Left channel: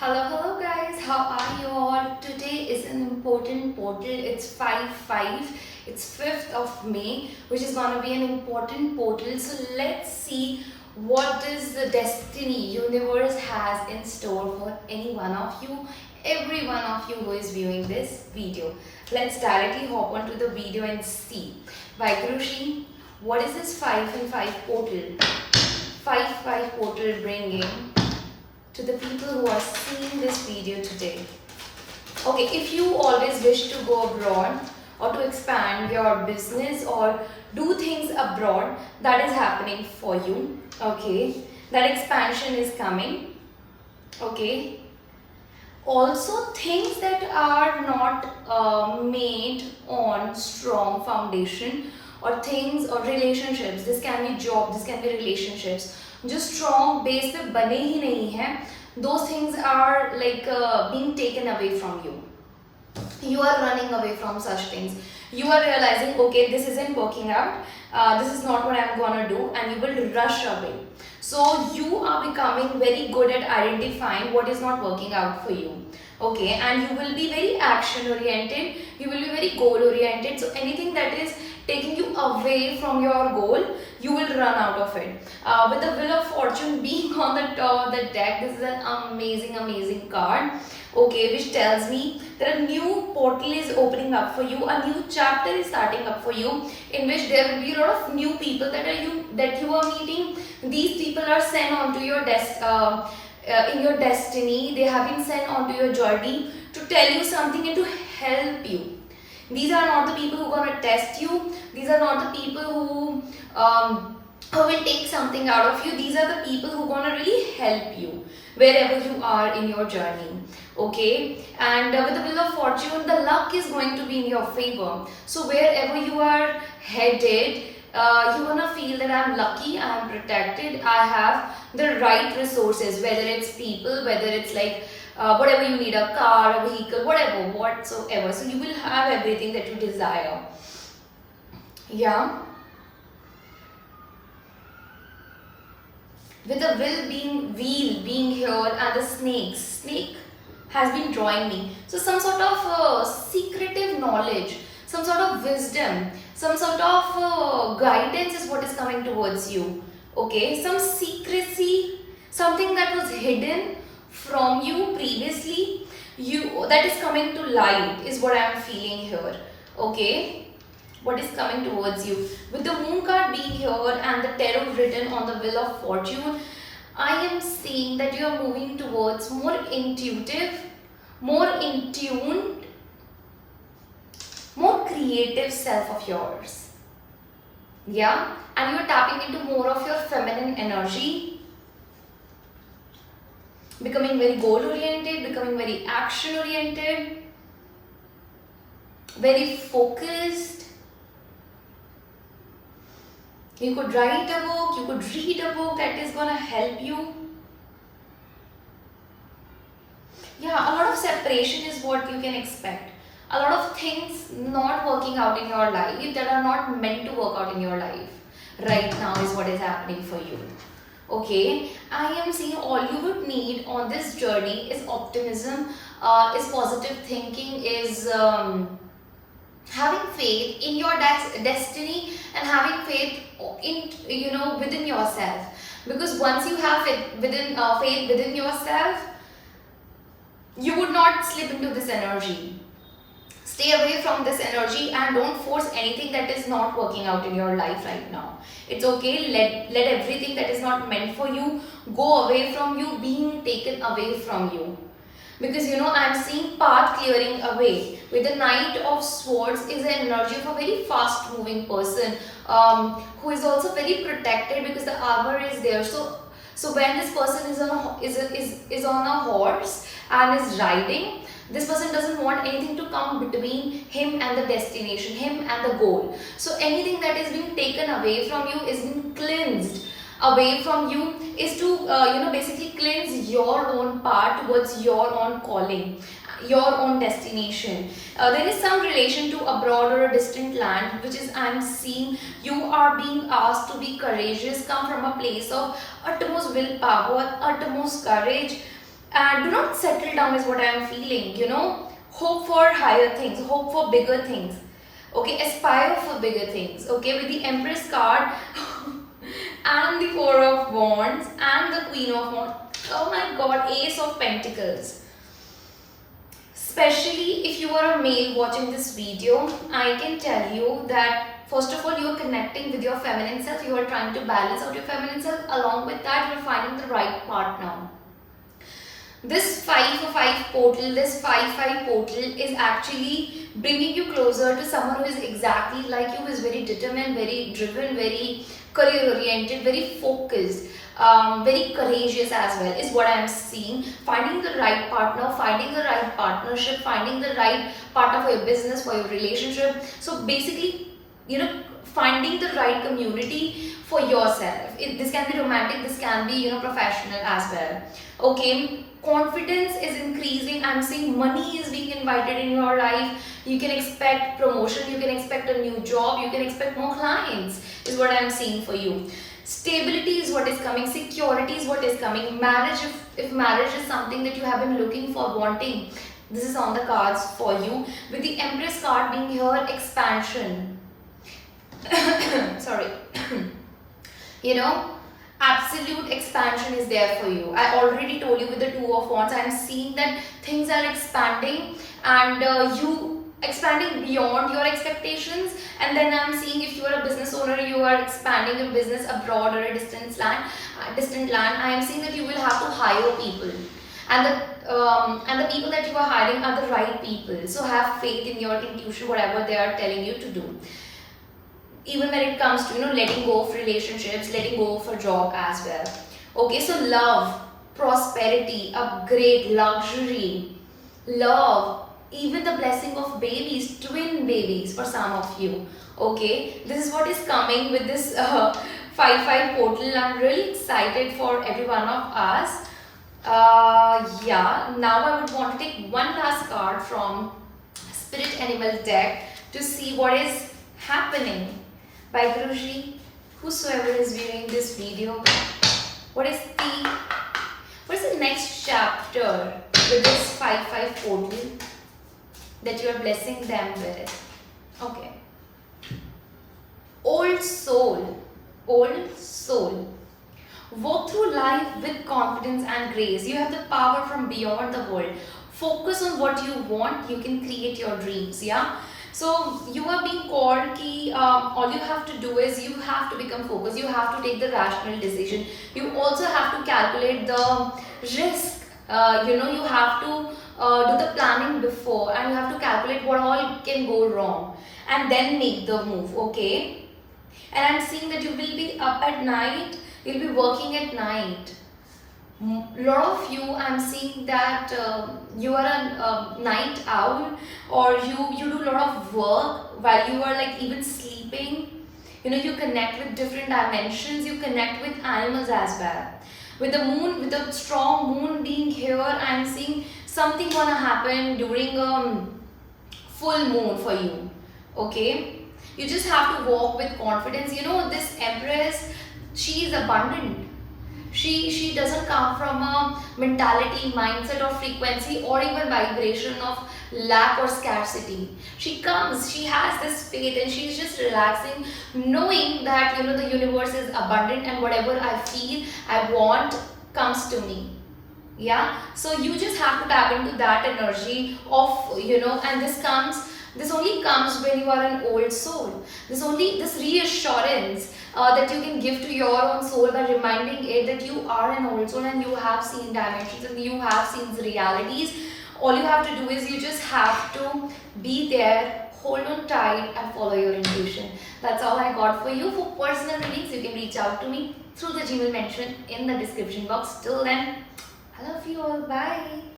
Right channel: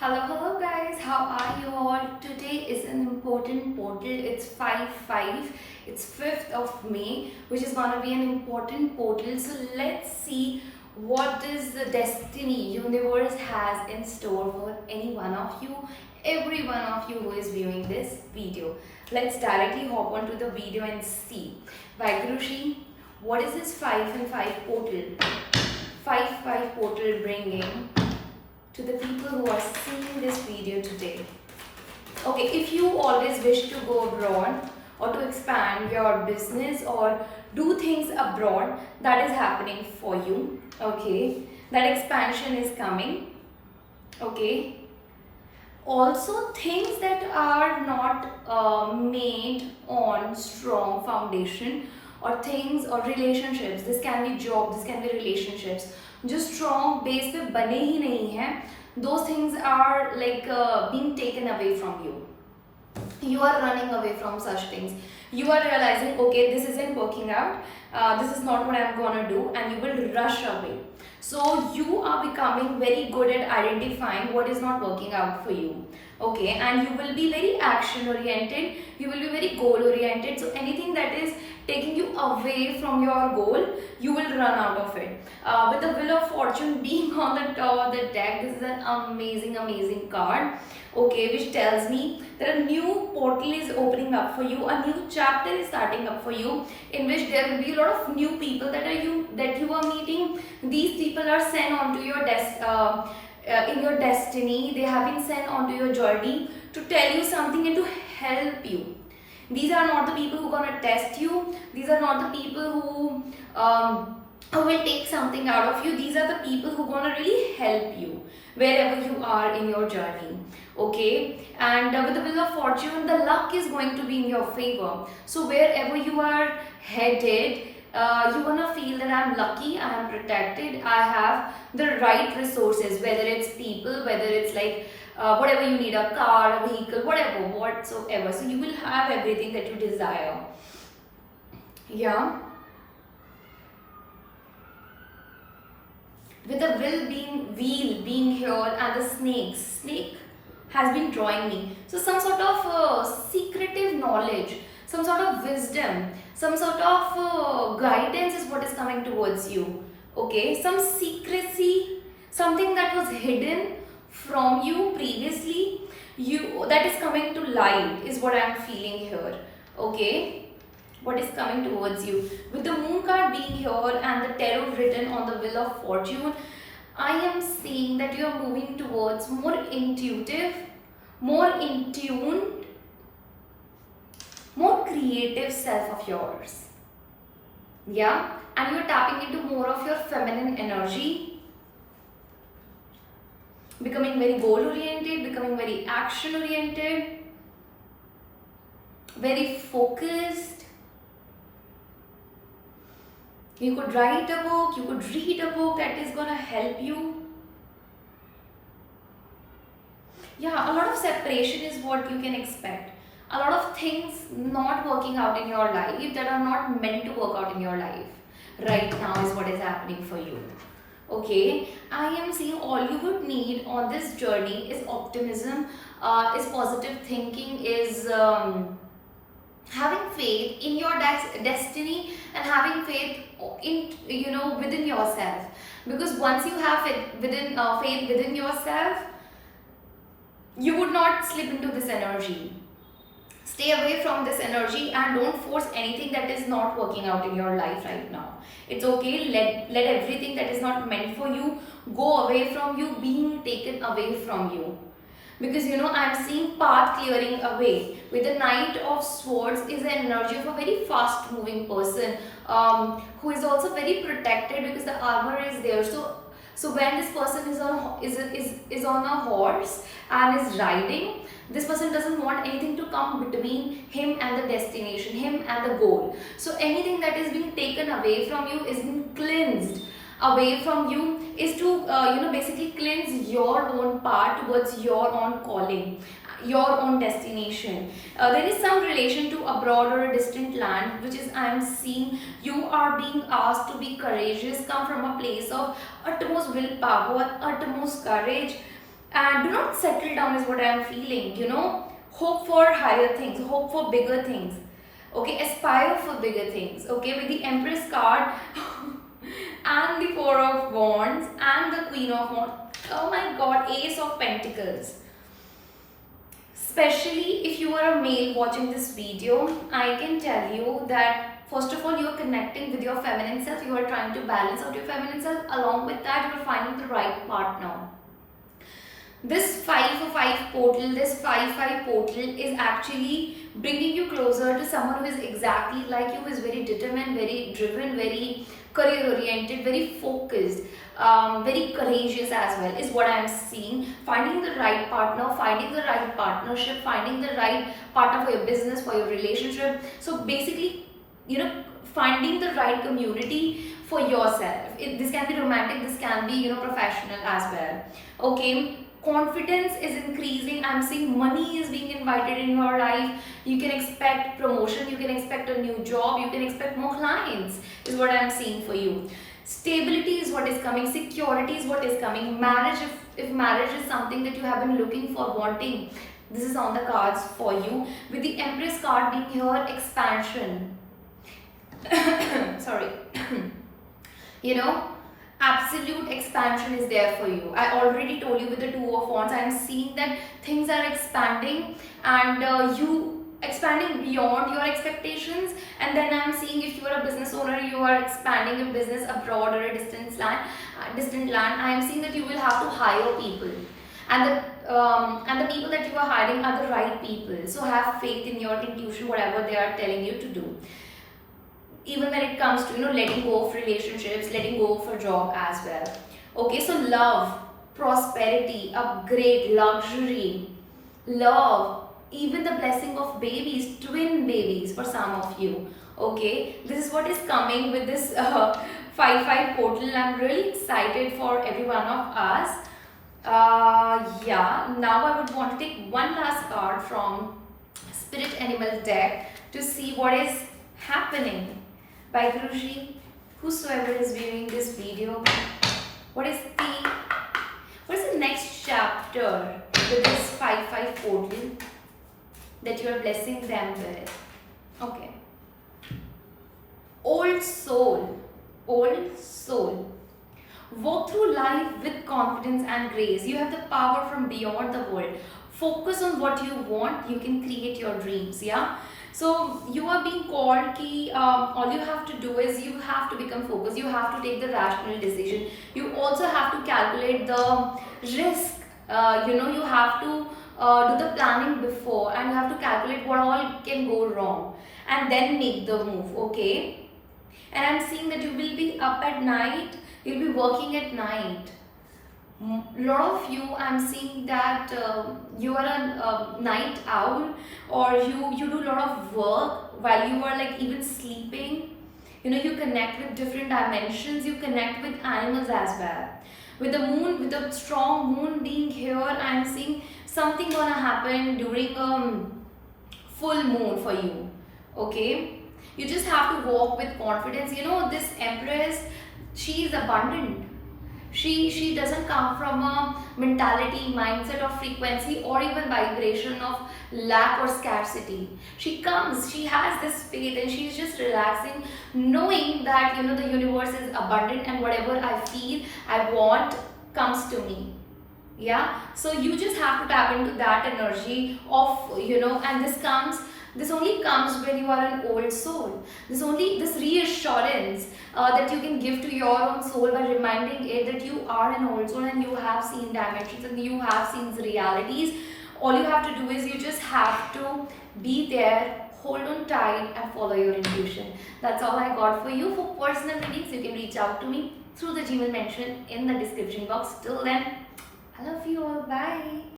Hello guys, how are you all? Today is an important portal. It's 5-5. It's 5th of May, which is gonna be an important portal. So let's see what is the destiny universe has in store for any one of you, every one of you who is viewing this video. Let's directly hop onto the video and see. Vaiguruji, what is this 5 and 5 portal? 5-5 portal bringing to the people who are seeing this video today. Okay, if you always wish to go abroad or to expand your business or do things abroad, that is happening for you. Okay, that expansion is coming. Okay, also things that are not made on strong foundation or things or relationships, this can be job, this can be relationships, जो strong base पे बने ही नहीं हैं, those things are like being taken away from you. You are running away from such things. You are realizing, okay, this isn't working out, this is not what I'm gonna do, and you will rush away. So you are becoming very good at identifying what is not working out for you. Okay, and you will be very action oriented, you will be very goal oriented. So anything that is taking you away from your goal, you will run out of it. With the Wheel of Fortune being on the top of the deck, this is an amazing card. Okay, which tells me that a new portal is opening up for you, a new chapter is starting up for you, in which there will be a lot of new people that you are meeting. These people are sent onto your in your destiny. They have been sent onto your journey to tell you something and to help you. These are not the people who are gonna test you. These are not the people who will take something out of you. These are the people who are gonna really help you wherever you are in your journey. Okay, and with the Wheel of Fortune, the luck is going to be in your favor. So wherever you are headed, you're gonna feel that I'm lucky, I'm protected, I have the right resources, whether it's people, whether it's like whatever you need, a car, a vehicle, whatever, whatsoever. So you will have everything that you desire. Yeah. With the wheel being here and the snake has been drawing me. So some sort of secretive knowledge, some sort of wisdom, some sort of guidance is what is coming towards you. Okay, some secrecy, something that was hidden from you previously, that is coming to light is what I am feeling here. Okay, what is coming towards you. With the Moon card being here and the tarot written on the Wheel of Fortune, I am seeing that you are moving towards more intuitive, more in tune, more creative self of yours. Yeah, and you are tapping into more of your feminine energy, becoming very goal oriented, becoming very action oriented, very focused. You could write a book, you could read a book that is gonna help you. Yeah, a lot of separation is what you can expect. A lot of things not working out in your life that are not meant to work out in your life right now is what is happening for you. Okay, I am seeing all you would need on this journey is optimism, is positive thinking, is having faith in your destiny and having faith in within yourself. Because once you have faith within yourself, you would not slip into this energy. Stay away from this energy and don't force anything that is not working out in your life right now. It's okay, let everything that is not meant for you go away from you, being taken away from you. Because I'm seeing path clearing away. With the Knight of Swords is the energy of a very fast moving person, who is also very protected because the armor is there. So when this person is on a horse and is riding, this person doesn't want anything to come between him and the destination, him and the goal. So anything that is being taken away from you is being cleansed away from you, is to basically cleanse your own path towards your own calling, your own destination. There is some relation to abroad or a distant land, which is I'm seeing you are being asked to be courageous, come from a place of utmost willpower, utmost courage, And do not settle down is what I am feeling, you know. Hope for higher things, hope for bigger things. Okay, aspire for bigger things. Okay, with the Empress card and the Four of Wands and the Queen of Wands. Oh my god, Ace of Pentacles. Especially if you are a male watching this video, I can tell you that first of all, you are connecting with your feminine self. You are trying to balance out your feminine self. Along with that, you are finding the right partner. This 5 for 5 portal, this 5-5 portal is actually bringing you closer to someone who is exactly like you, who is very determined, very driven, very career oriented, very focused, very courageous as well, is what I am seeing. Finding the right partner, finding the right partnership, finding the right partner for your business, for your relationship. So basically, you know, finding the right community for yourself. This can be romantic, this can be, you know, professional as well. Okay, confidence is increasing. I'm seeing money is being invited in your life. You can expect promotion, you can expect a new job, you can expect more clients, is what I'm seeing for you. Stability is what is coming, security is what is coming. Marriage, if marriage is something that you have been looking for, wanting, this is on the cards for you. With the Empress card being here, expansion. Sorry. You know, absolute expansion is there for you. I already told you with the Two of Wands, I'm seeing that things are expanding, and you expanding beyond your expectations. And then I'm seeing if you are a business owner, you are expanding your business abroad or a distant land. I am seeing that you will have to hire people, and the people that you are hiring are the right people. So have faith in your intuition, whatever they are telling you to do. Even when it comes to, you know, letting go of relationships, letting go of a job as well. Okay, so love, prosperity, upgrade, luxury, love, even the blessing of babies, twin babies for some of you. Okay, this is what is coming with this 5-5 portal. I'm really excited for every one of us. Yeah, now I would want to take one last card from Spirit Animal deck to see what is happening. By Guruji, whosoever is viewing this video, what is the next chapter with this 5-5 portal that you are blessing them with? Okay. Old soul. Walk through life with confidence and grace. You have the power from beyond the world. Focus on what you want. You can create your dreams. Yeah. So you are being called ki, all you have to do is you have to become focused. You have to take the rational decision. You also have to calculate the risk. You have to do the planning before, and you have to calculate what all can go wrong, and then make the move. Okay. And I'm seeing that you will be up at night. You'll be working at night. Lot of you, I'm seeing that you are a night owl, or you do a lot of work while you are like even sleeping. You know, you connect with different dimensions, you connect with animals as well. With the moon, with the strong moon being here, I'm seeing something gonna happen during full moon for you. Okay, you just have to walk with confidence. You know, this Empress, she is abundant. She doesn't come from a mentality, mindset or frequency or even vibration of lack or scarcity. She comes, she has this faith, and she's just relaxing, knowing that, you know, the universe is abundant, and whatever I feel, I want, comes to me. Yeah, so you just have to tap into that energy of, you know, and this only comes when you are an old soul. This reassurance that you can give to your own soul by reminding it that you are an old soul and you have seen dimensions and you have seen the realities. All you have to do is you just have to be there, hold on tight, and follow your intuition. That's all I got for you. For personal readings, you can reach out to me through the Gmail mentioned in the description box. Till then, I love you all. Bye.